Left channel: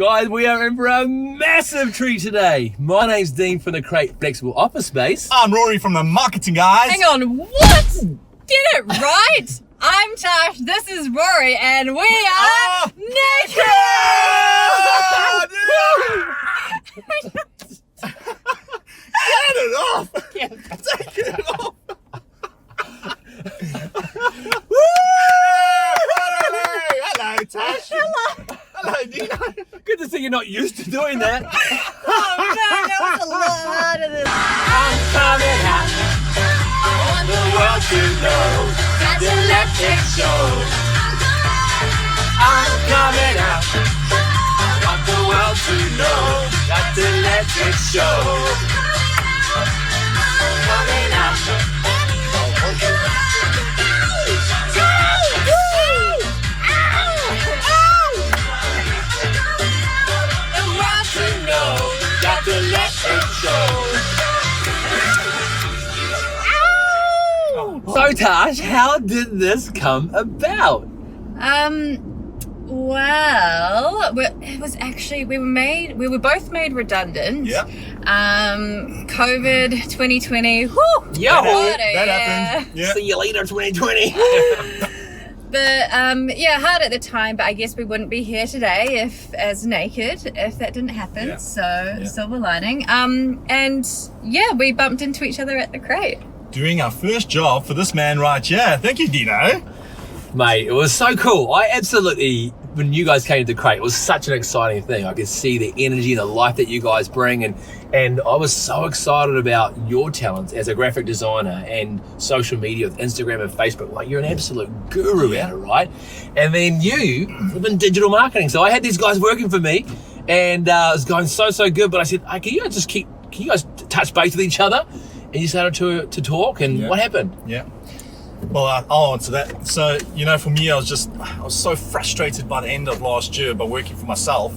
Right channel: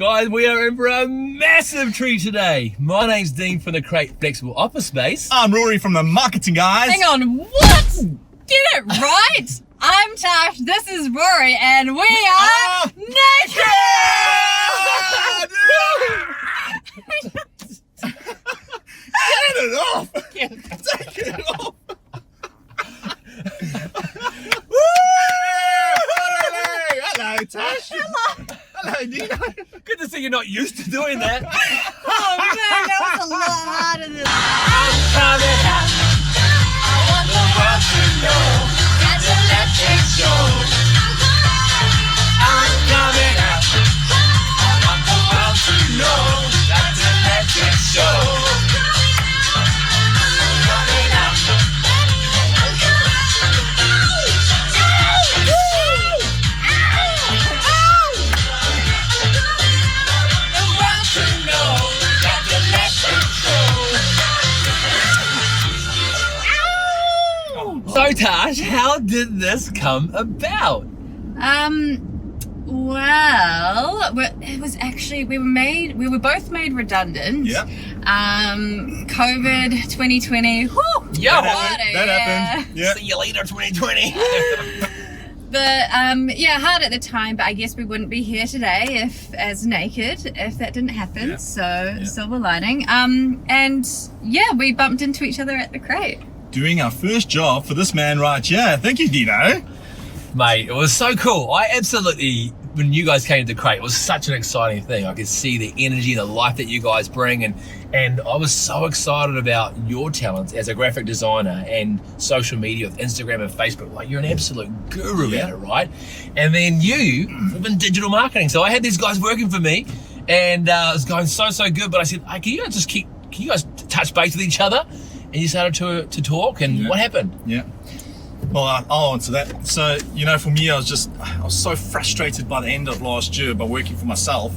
Guys, we are in for a massive treat today. My name's Dean from the Crate Flexible Office Space. I'm Rory from the Marketing Guys. Hang on, what? Get it right. I'm Tash, this is Rory, and we are naked! Get it off! Take it off! Hello, Tash. Hello, Nico. Good to see you're not used to doing that. Oh man, that was a lot harder than I'm coming out. I want the world to know. Got to let it show. I'm coming out. I want the world to know. Got to let it show. I'm coming out. So Tash, how did this come about? Well, it was actually, we were both made redundant. Yeah. COVID 2020, whew, Yeah, that happened. Yeah. See you later, 2020. But hard at the time, but I guess we wouldn't be here today if that didn't happen. Yeah. So silver lining. And yeah, we bumped into each other at the Crate. Doing our first job for this man right here. Thank you, Dino. Mate, it was so cool. I absolutely, when you guys came to Crate, it was such an exciting thing. I could see the energy, the life that you guys bring, and I was so excited about your talents as a graphic designer and social media with Instagram and Facebook. Like, you're an absolute guru at it, right? And then you live in digital marketing. So I had these guys working for me, and it was going so good. But I said, hey, can you guys touch base with each other? And you started to talk, and what happened? Yeah. Well, I'll answer that. So, for me, I was so frustrated by the end of last year by working with myself,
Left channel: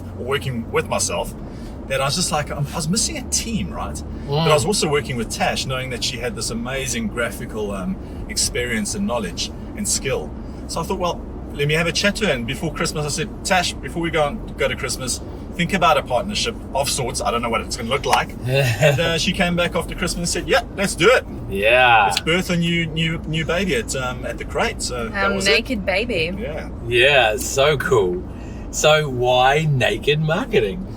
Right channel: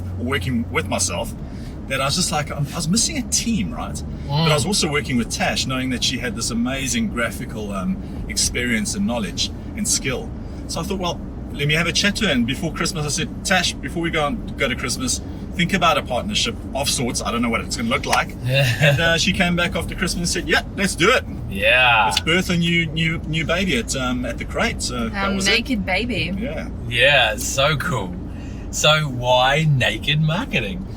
that I was just like, I was missing a team, right? But I was also working with Tash, knowing that she had this amazing graphical experience and knowledge and skill. So I thought, well, let me have a chat to her. And before Christmas, I said, Tash, before we go to Christmas, think about a partnership of sorts. I don't know what it's going to look like. And she came back after Christmas and said, yeah, let's do it. Yeah. Let's birth a new baby at the Crate. So that was naked baby. Yeah. Yeah, so cool. So why naked marketing?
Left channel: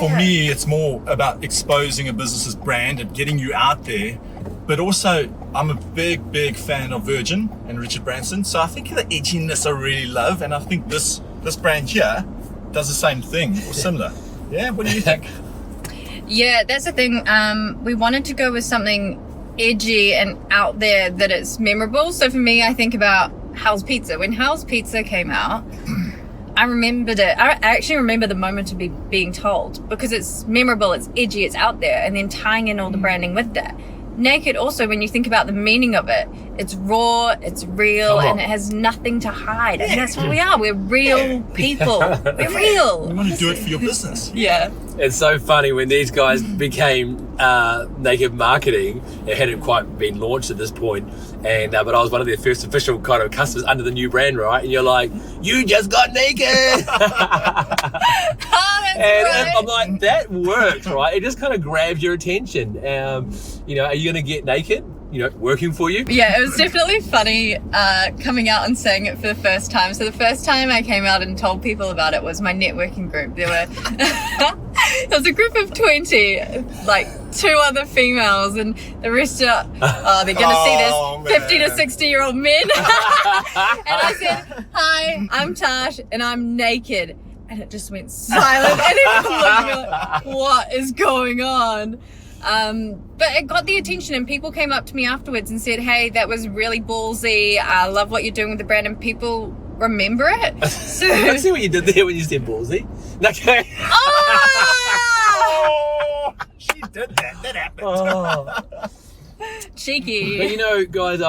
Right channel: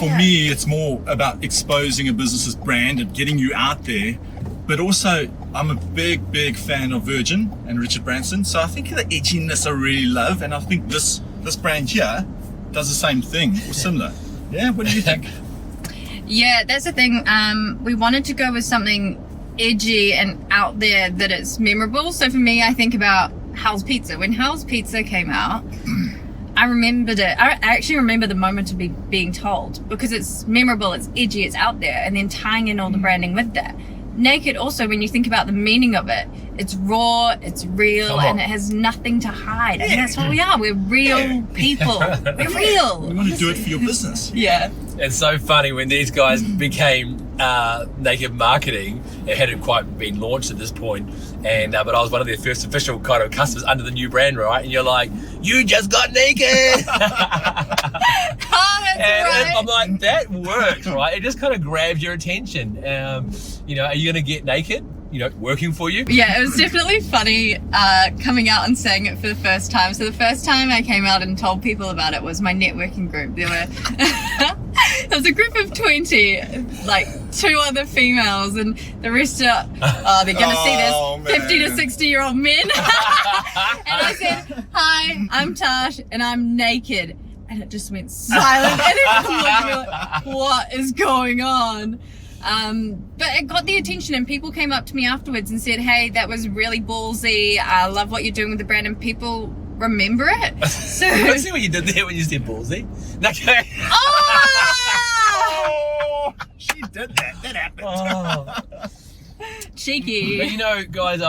For me, it's more about exposing a business's brand and getting you out there. But also, I'm a big fan of Virgin and Richard Branson. So I think the edginess I really love. And I think this brand here does the same thing or similar. Yeah, what do you think? Yeah, that's the thing. We wanted to go with something edgy and out there that it's memorable. So for me, I think about Hell's Pizza. When Hell's Pizza came out, I remembered it. I actually remember the moment of being told, because it's memorable, it's edgy, it's out there, and then tying in all the branding with that. Naked also, when you think about the meaning of it, it's raw, it's real, and it has nothing to hide. And that's what we are. We're real people. We're real. You want to do it for your business. Yeah. It's so funny when these guys became naked marketing. It hadn't quite been launched at this point, and but I was one of their first official kind of customers under the new brand, right? And you're like, you just got naked. And I'm like, that works, right? It just kind of grabs your attention. Are you going to get naked? Working for you? Yeah, it was definitely funny coming out and saying it for the first time. So the first time I came out and told people about it was my networking group. There was a group of 20, like 2 other females, and the rest are, they're going to see this 50 to 60-year-old men. And I said, hi, I'm Tash, and I'm naked. And it just went silent, and everyone looked at me like, what is going on? But it got the attention, and people came up to me afterwards and said, hey, that was really ballsy. I love what you're doing with the brand, and people remember it. So I see what you did there when you said ballsy. Okay. Oh, she did that. That happened. Oh. Cheeky. But guys,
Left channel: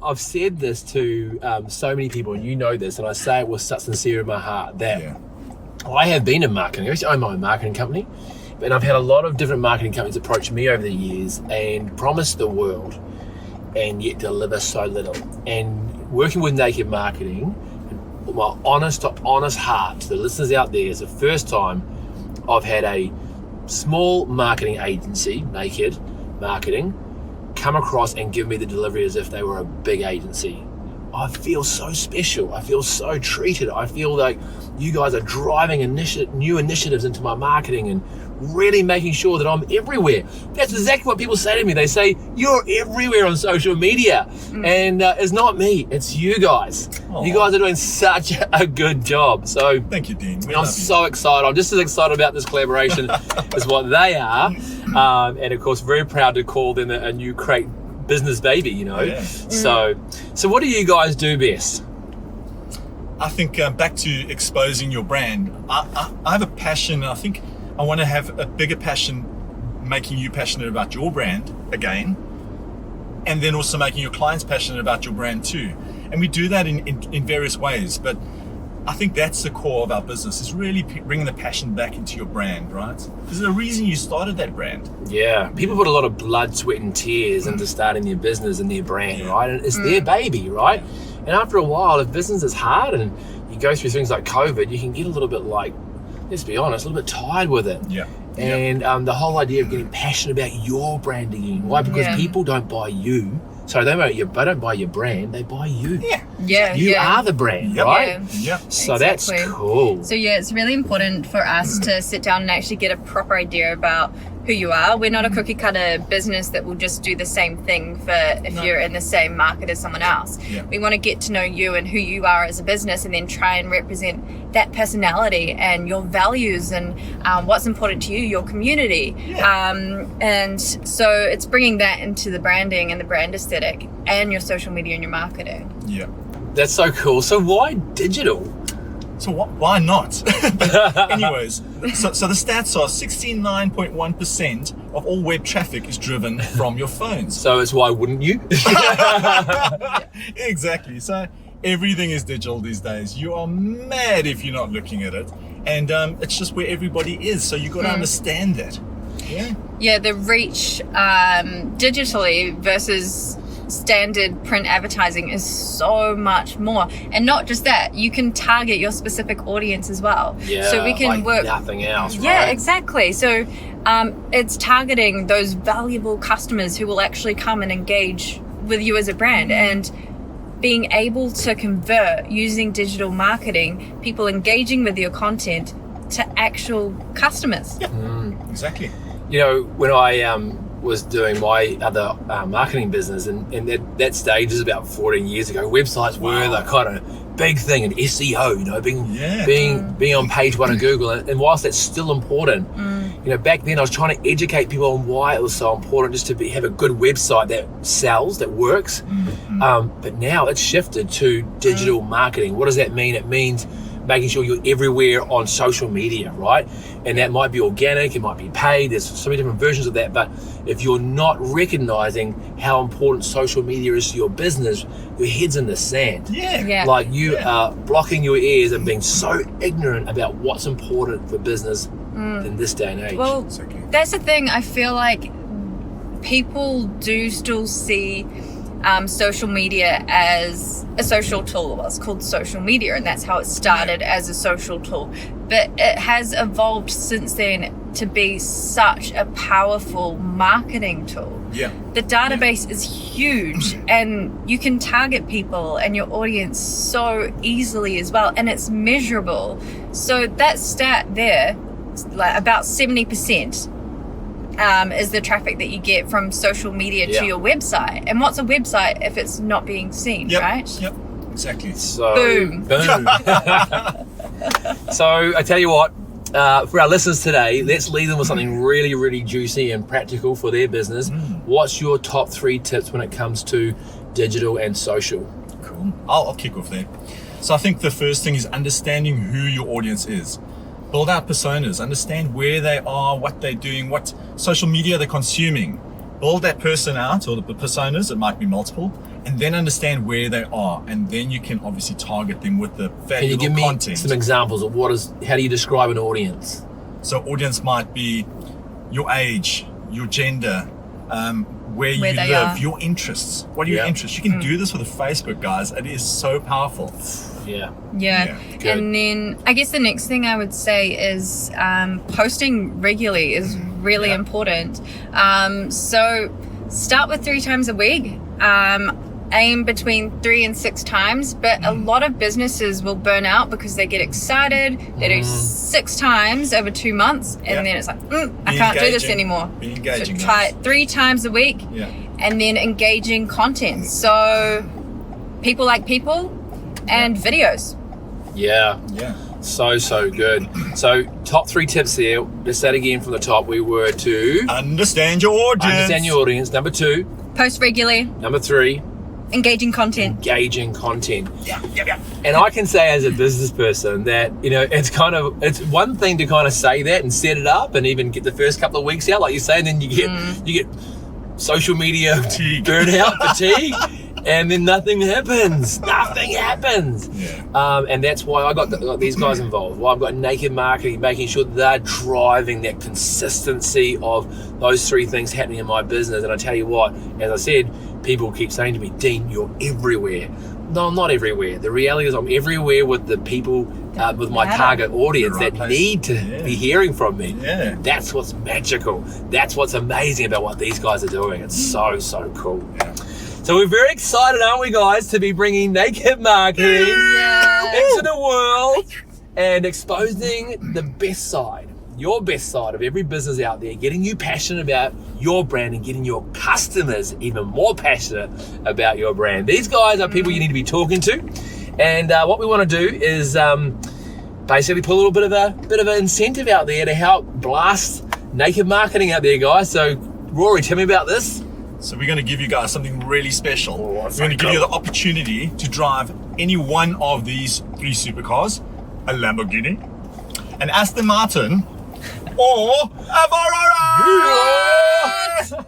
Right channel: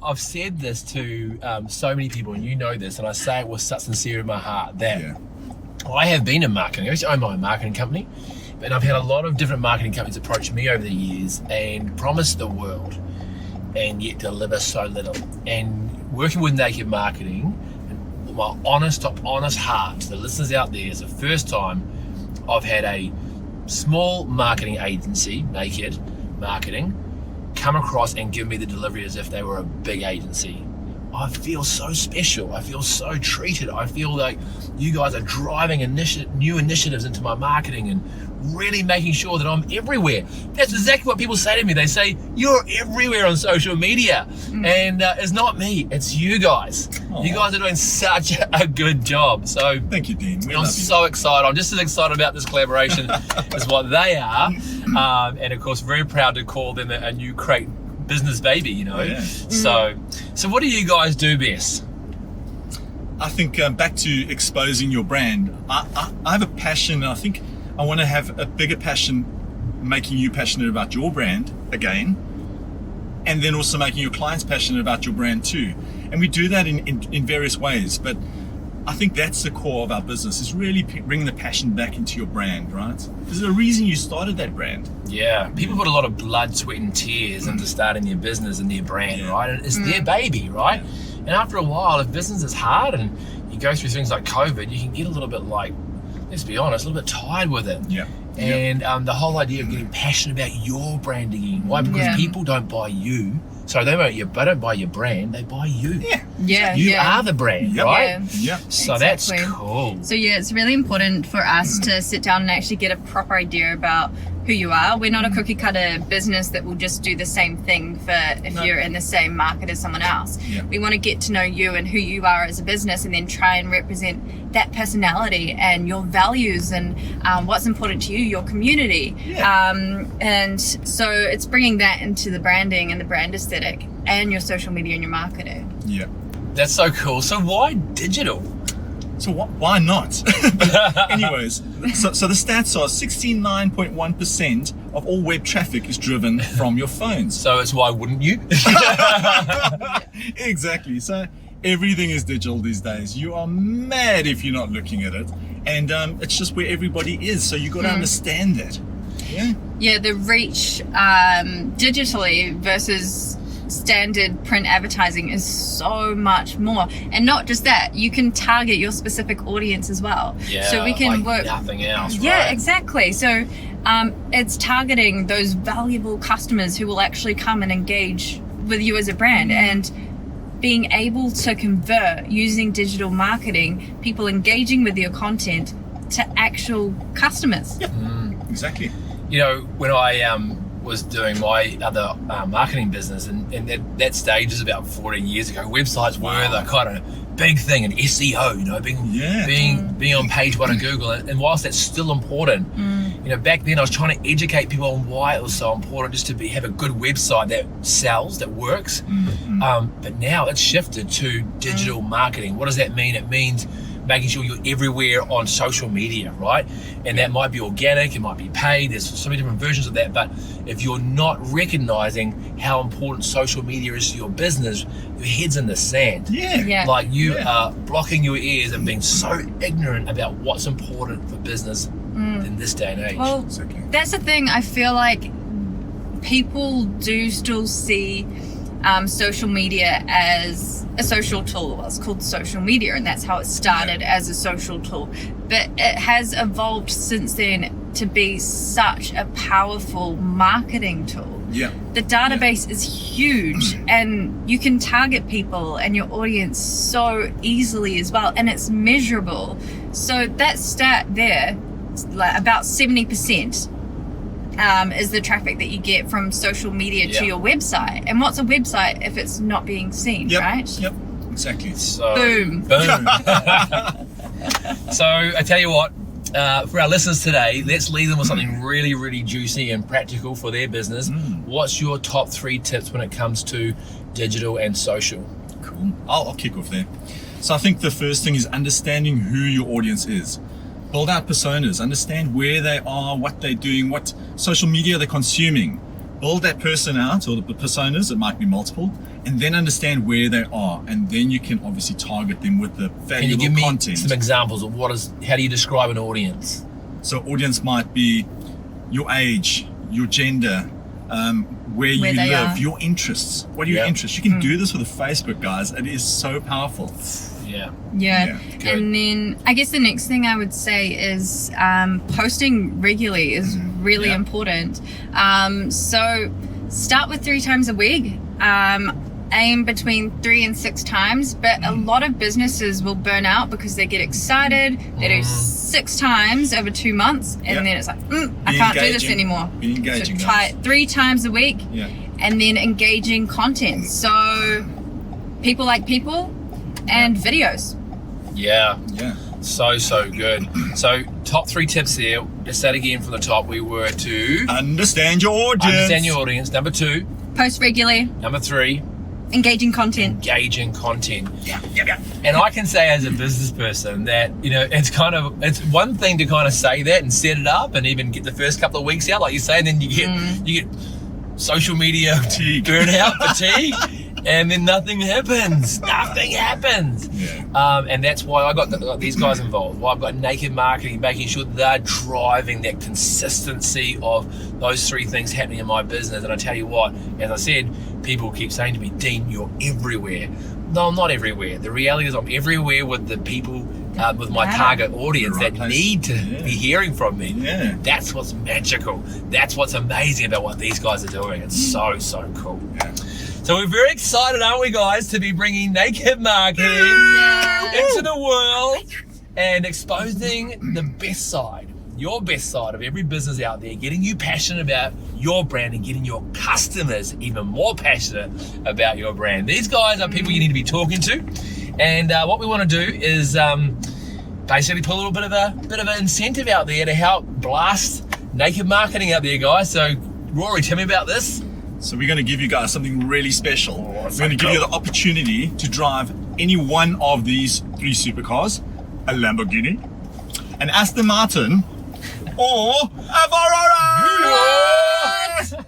I've said this to so many people, and you know this, and I say it with such sincere in my heart that I have been in marketing. I actually own my own marketing company, and I've had a lot of different marketing companies approach me over the years and promise the world and yet deliver so little. And working with naked marketing, my honest to honest heart to the listeners out there, it's the first time I've had a small marketing agency, Naked Marketing, come across and give me the delivery as if they were a big agency. I feel so special. I feel so treated. I feel like you guys are driving new initiatives into my marketing and really making sure that I'm everywhere. That's exactly what people say to me. They say, you're everywhere on social media. And it's not me, it's you guys. Aww. You guys are doing such a good job. So thank you, Dean. I'm so excited. I'm just as excited about this collaboration as what they are. And of course, very proud to call them a new Crate business baby, you know. Yeah. So what do you guys do best? I think back to exposing your brand. I have a passion. I think I want to have a bigger passion, making you passionate about your brand again, and then also making your clients passionate about your brand too. And we do that in various ways. But I think that's the core of our business, is really bringing the passion back into your brand, right? There's a reason you started that brand. Yeah, people put a lot of blood, sweat and tears into starting their business and their brand, right? And it's their baby, right? And after a while, if business is hard and you go through things like COVID, you can get a little bit like, let's be honest, a little bit tired with it. Yeah. And the whole idea of getting passionate about your brand again, why? Because people don't buy you. Sorry, they don't buy your brand, they buy you. You are the brand, right? So that's cool. So it's really important for us to sit down and actually get a proper idea about who you are. We're not a cookie cutter business that will just do the same thing if you're in the same market as someone else. We want to get to know you and who you are as a business, and then try and represent that personality and your values and what's important to you, your community. And so it's bringing that into the branding and the brand aesthetic and your social media and your marketing. That's so cool. So why digital? So why not? But anyways, so the stats are 69.1% of all web traffic is driven from your phones. So it's why wouldn't you? Exactly. So everything is digital these days. You are mad if you're not looking at it. And it's just where everybody is. So you got to understand that. Yeah, the reach digitally versus standard print advertising is so much more. And not just that, you can target your specific audience as well. So we can work nothing else. Exactly. So it's targeting those valuable customers who will actually come and engage with you as a brand, and being able to convert using digital marketing, people engaging with your content to actual customers. Exactly. You know, when I was doing my other marketing business, and that stage is about 14 years ago, websites were the kind of big thing, and SEO, you know, being on page one of Google. And whilst that's still important, you know, back then I was trying to educate people on why it was so important just to have a good website that sells, that works. But now it's shifted to digital marketing. What does that mean? It means making sure you're everywhere on social media, right? And that might be organic, it might be paid, there's so many different versions of that, but if you're not recognizing how important social media is to your business, your head's in the sand. Like you are blocking your ears and being so ignorant about what's important for business in this day and age. Well, that's the thing. I feel like people do still see social media as a social tool. Well, it's called social media, and that's how it started, as a social tool. But it has evolved since then to be such a powerful marketing tool. The database is huge, and you can target people and your audience so easily as well, and it's measurable. So that stat there, like about 70%. Is the traffic that you get from social media to your website. And what's a website if it's not being seen, right? Exactly. So, boom. So I tell you what, for our listeners today, let's leave them with something really, really juicy and practical for their business. What's your top 3 tips when it comes to digital and social? Cool. I'll kick off there. So I think the first thing is understanding who your audience is. Build out personas, understand where they are, what they're doing, what social media they're consuming. Build that person out, or the personas, it might be multiple, and then understand where they are. And then you can obviously target them with the valuable content. Can you give me some examples of how do you describe an audience? So audience might be your age, your gender, where you live, your interests. What are your interests? You can do this with a Facebook, guys. It is so powerful. Yeah. Yeah. Good. And then I guess the next thing I would say is posting regularly is really important. So start with 3 times a week. Aim between 3 and 6 times, but a lot of businesses will burn out because they get excited. They do 6 times over 2 months, and then it's like, I can't do this anymore. Be engaging, so try it 3 times a week, and then engaging content. So people like people and videos. Yeah. So good. So top 3 tips there. Let's say it again from the top. We were to understand your audience. Understand your audience. Number 2. Post regularly. Number 3. Engaging content. Engaging content. Yeah. And I can say as a business person that, you know, it's one thing to kind of say that and set it up and even get the first couple of weeks out, like you say, and then you get social media burnout, fatigue, and then nothing happens. And that's why I got these guys involved. Why I've got Naked Marketing, making sure that they're driving that consistency of those 3 things happening in my business. And I tell you what, as I said, people keep saying to me, Dean, you're everywhere. No, I'm not everywhere. The reality is I'm everywhere with the people, with my target audience that need to be hearing from me. Yeah. That's what's magical. That's what's amazing about what these guys are doing. It's so cool. Yeah. So we're very excited, aren't we, guys, to be bringing Naked Marketing into the world and exposing the best side, your best side of every business out there, getting you passionate about your brand and getting your customers even more passionate about your brand. These guys are people you need to be talking to, and what we want to do is basically put a little bit of an incentive out there to help blast Naked Marketing out there, guys. So Rory, tell me about this. So we're going to give you guys something really special. We're that's going to so give you cool. the opportunity to drive any one of these 3 supercars, a Lamborghini, an Aston Martin, or a Ferrari.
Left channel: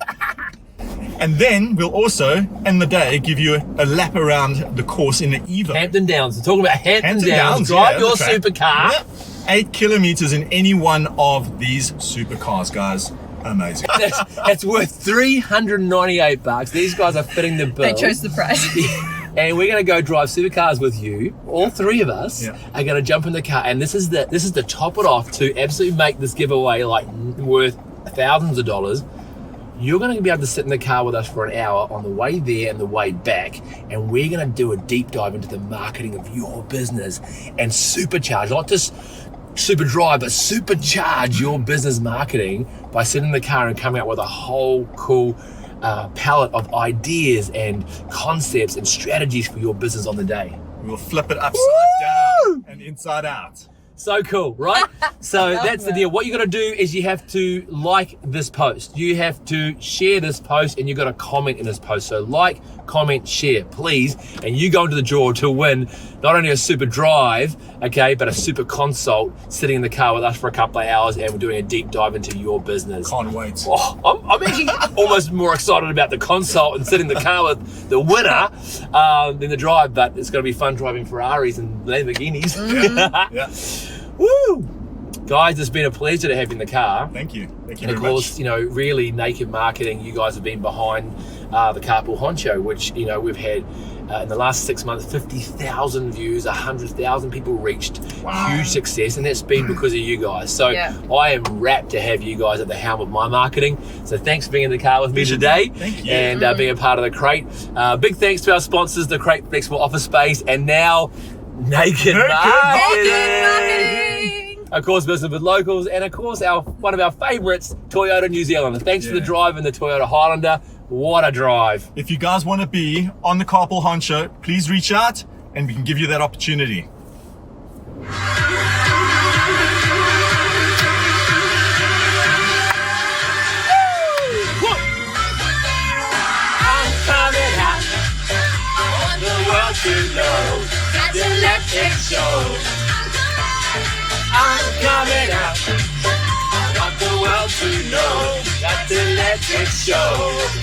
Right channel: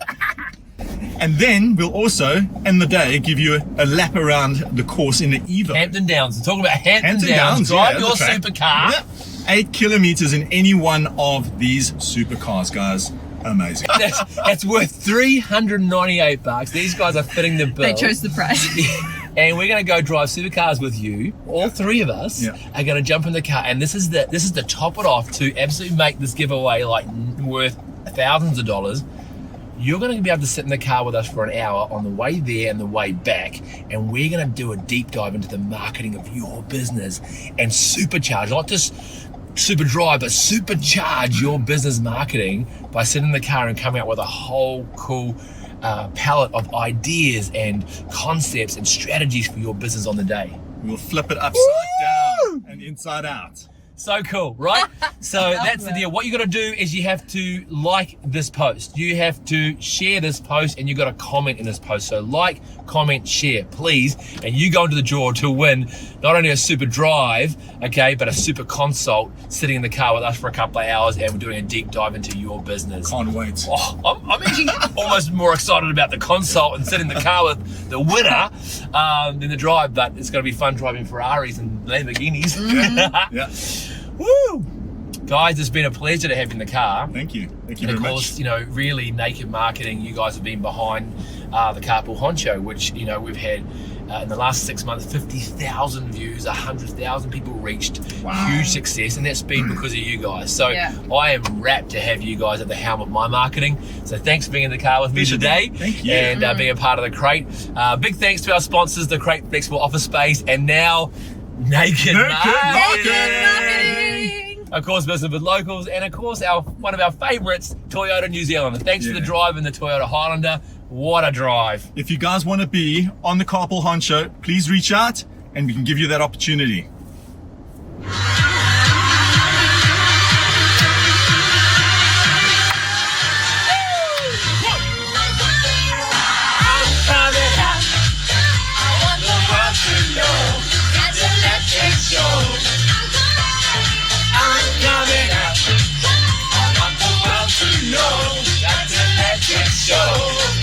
And then we'll also, end the day, give you a lap around the course in the Evo. Hampton Downs. We're talking about Hampton Downs. Drive your supercar. Yep. 8 kilometers in any one of these supercars, guys. Amazing. That's worth $398. These guys are fitting the bill. They chose the price. And we're going to go drive supercars with you. All 3 of us are going to jump in the car, and this is the top it off to absolutely make this giveaway like worth thousands of dollars. You're going to be able to sit in the car with us for an hour on the way there and the way back, and we're going to do a deep dive into the marketing of your business and supercharge, not just super drive, but supercharge your business marketing by sitting in the car and coming out with a whole cool palette of ideas and concepts and strategies for your business on the day. We'll flip it upside down and inside out. So cool, right? So that's the deal. What you got to do is you have to like this post. You have to share this post, and you got to comment in this post. So like, comment, share, please. And you go into the draw to win not only a super drive, okay, but a super consult sitting in the car with us for a couple of hours, and we're doing a deep dive into your business. Can't wait. Oh, I'm actually almost more excited about the consult and sitting in the car with the winner than the drive, but it's going to be fun driving Ferraris and Lamborghinis. Yeah. Woo! Guys, it's been a pleasure to have you in the car. Thank you. Thank you And of very course, much. you know, really Naked Marketing, you guys have been behind the Carpool Honcho, which, you know, we've had in the last 6 months, 50,000 views, 100,000 people reached. Wow. Huge success, and that's been because of you guys. So I am rapt to have you guys at the helm of my marketing. So thanks for being in the car with me today. Thank you. And being a part of the Crate. Big thanks to our sponsors, the Crate Flexible Office Space, and now Naked Marketing. Of course, business with locals, and of course, one of our favourites, Toyota New Zealand. Thanks for the drive in the Toyota Highlander. What a drive. If you guys want to be on the Carpool Honcho, please reach out and we can give you that opportunity. I'm coming up. I want the world to know. Got to let it show.